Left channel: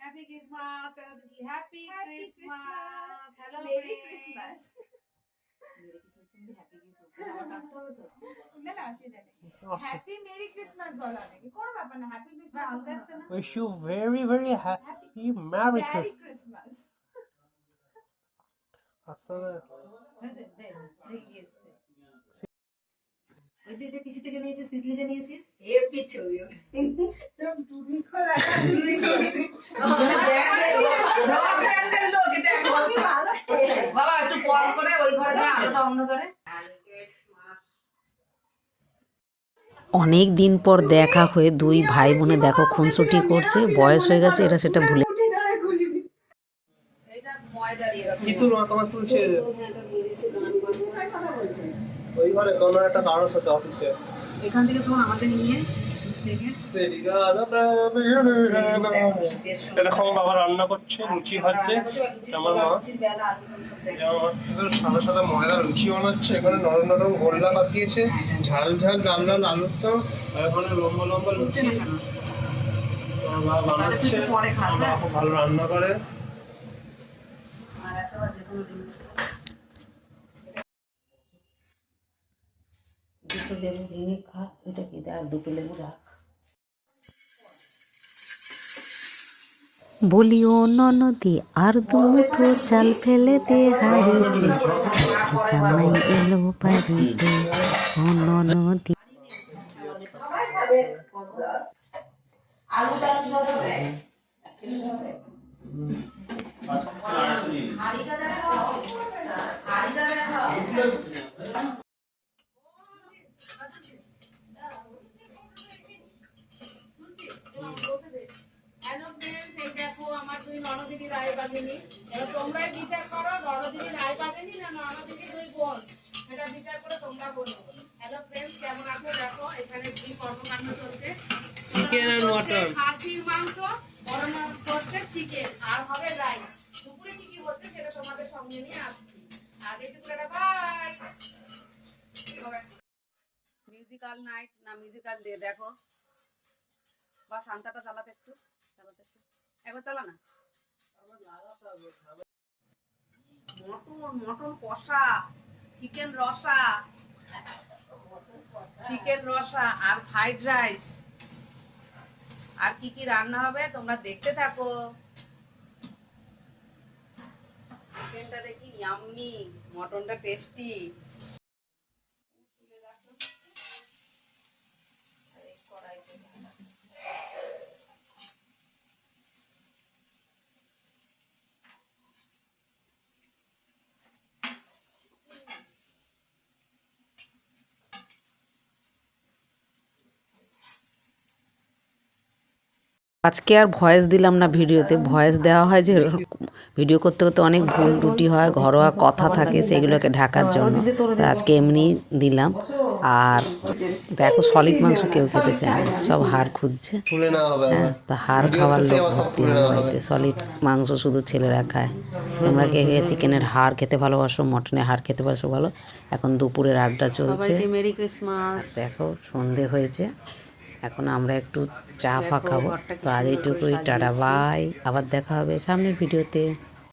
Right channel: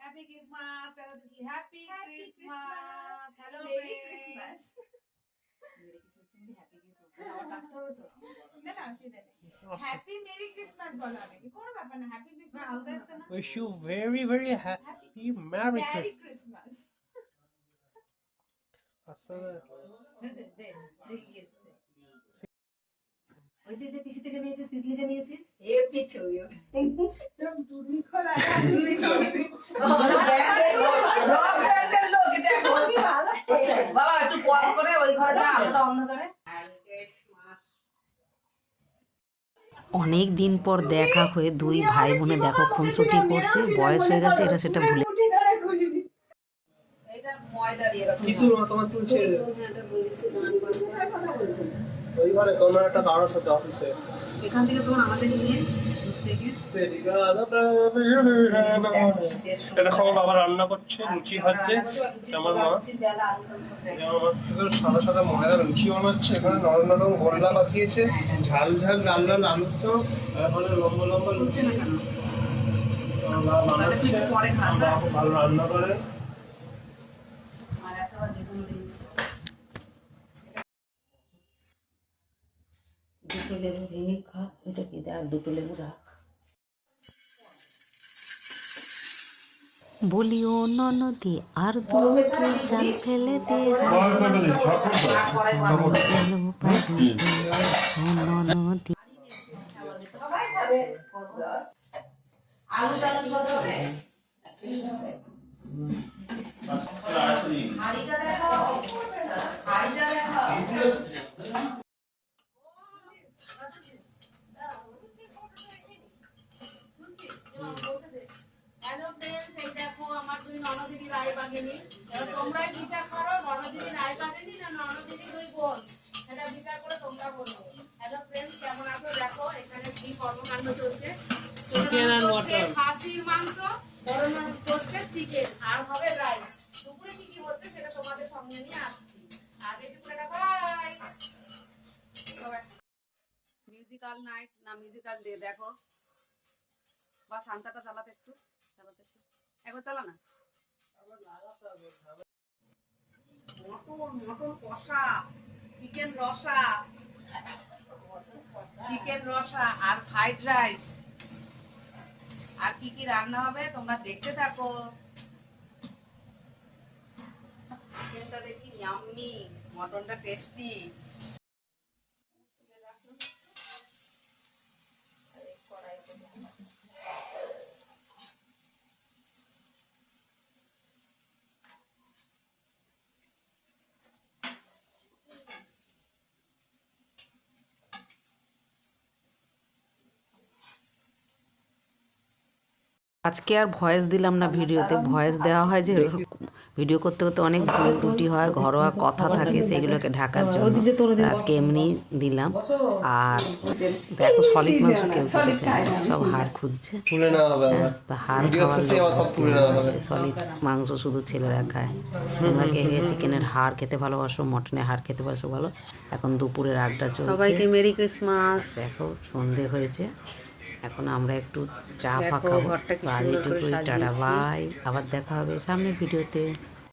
Happy Christmas দিদি, happy Christmas. Hello merry Christmas. Happy merry Christmas বলা নাকি কোনো ব্যাপার না, happy Christmas. Wish you very very happy Merry Christmas. আসলে ওই দিদি পিসি থেকে নিয়েছিস, তিতলি থেকে নিয়েছিস, এর পিছে ওই বাবা একটু পজ করে ওই ঘরটা আলোটা অন্ধ করে। অনেক দিন পর দেখা হয়ে দুই ভাই বোনে দেখো খুনসুটি করছে, বয়স হয়ে গেছে এরা সেটা ভুলে। কি তুলমা তোমার তুলছে ওই ঘরে কোন একটা কারোর সাথে অফিসে, এখান থেকে তোমার আমাদের নিয়ে দেখো বাবা রান্না করছে, লুচি হচ্ছে, আমার মা সাদা সাদা ময়দা লুচি বানাচ্ছে, এখানে নরম নরম গোল্লা পাকিয়েছে, ঝাল ঝাল লাল লাল আলুর তো, এখানে লম্বা লম্বা লুচি মা বানাচ্ছে, খুব ভালো রান্না করে। দুটো লেবু ভেঙে খা, এটা কি দেখ, দুটো লেবু রাখ। বলিও ননদি আর দুটো চাল ফেলে দে হাড়িতে, জামাই এলো বাড়িতে ও ননদি। তোমরাই বিচার করো, ননদিনী রায় বাগেনি না ননদিনী দুই বোন, এটা বিচার করে তোমরা বলবো। হ্যালো ফ্রেন্ডস, কেমন আছো? দেখো এখানে কি কর্মকাণ্ড চলছে। চিকেন আর মটন, খাসির মাংস, বড় মাছ করছে, চিকেন আর হবে রাইস। দুপুরে কি কি হচ্ছে সেটা তোমাদের সঙ্গে নিয়ে আসছি। আজ একটু বাই। মিউজিক্যাল নাইট না মিউজিক্যাল ডে, দেখো বা শান্তাটা চালাতে একটু একবার চালা না। মটন মটন কষা, চিকেন রসা, চিকেন রসা আর ফ্রাইড রাইস, আর কি কি রান্না হবে তোমরা দেখতে থাকো। চিকেনটা দেখি ইয়াম্মি, মটনটা টেস্টি। আজকে আর ভয়েস দিলাম না ভিডিওতে, ভয়েস দেওয়া হয় যে ভিডিও করতে করতে অনেক ভুল ত্রুটি হয়, ঘরোয়া কথা থাকে, সেগুলোকে ঢাকার জন্য আজকে এমনি দিলাম। আর দেখো সলিড মাংস কেউ খেতে চায় না, সব হাড় খুঁজছে, তা হাড় খাওয়ার সলিড মাংস শুধু ছেলেরা খায়। তোমরা কে চিকেনের হাড় খেতে ভালোবাসো, মটনের হাড় খেতে ভালোবাসো বলো। এখন দুপুরের আড্ডা চলছে। সবাইকে মেরি ক্রিসমাস। দেখো সন্ধে হয়েছে, এখন আমরা একটু চা ফা খাবো। তো আজ এইটুকুই, টাটা বাই, আবার দেখা হবে সামনের ভিডিওতে।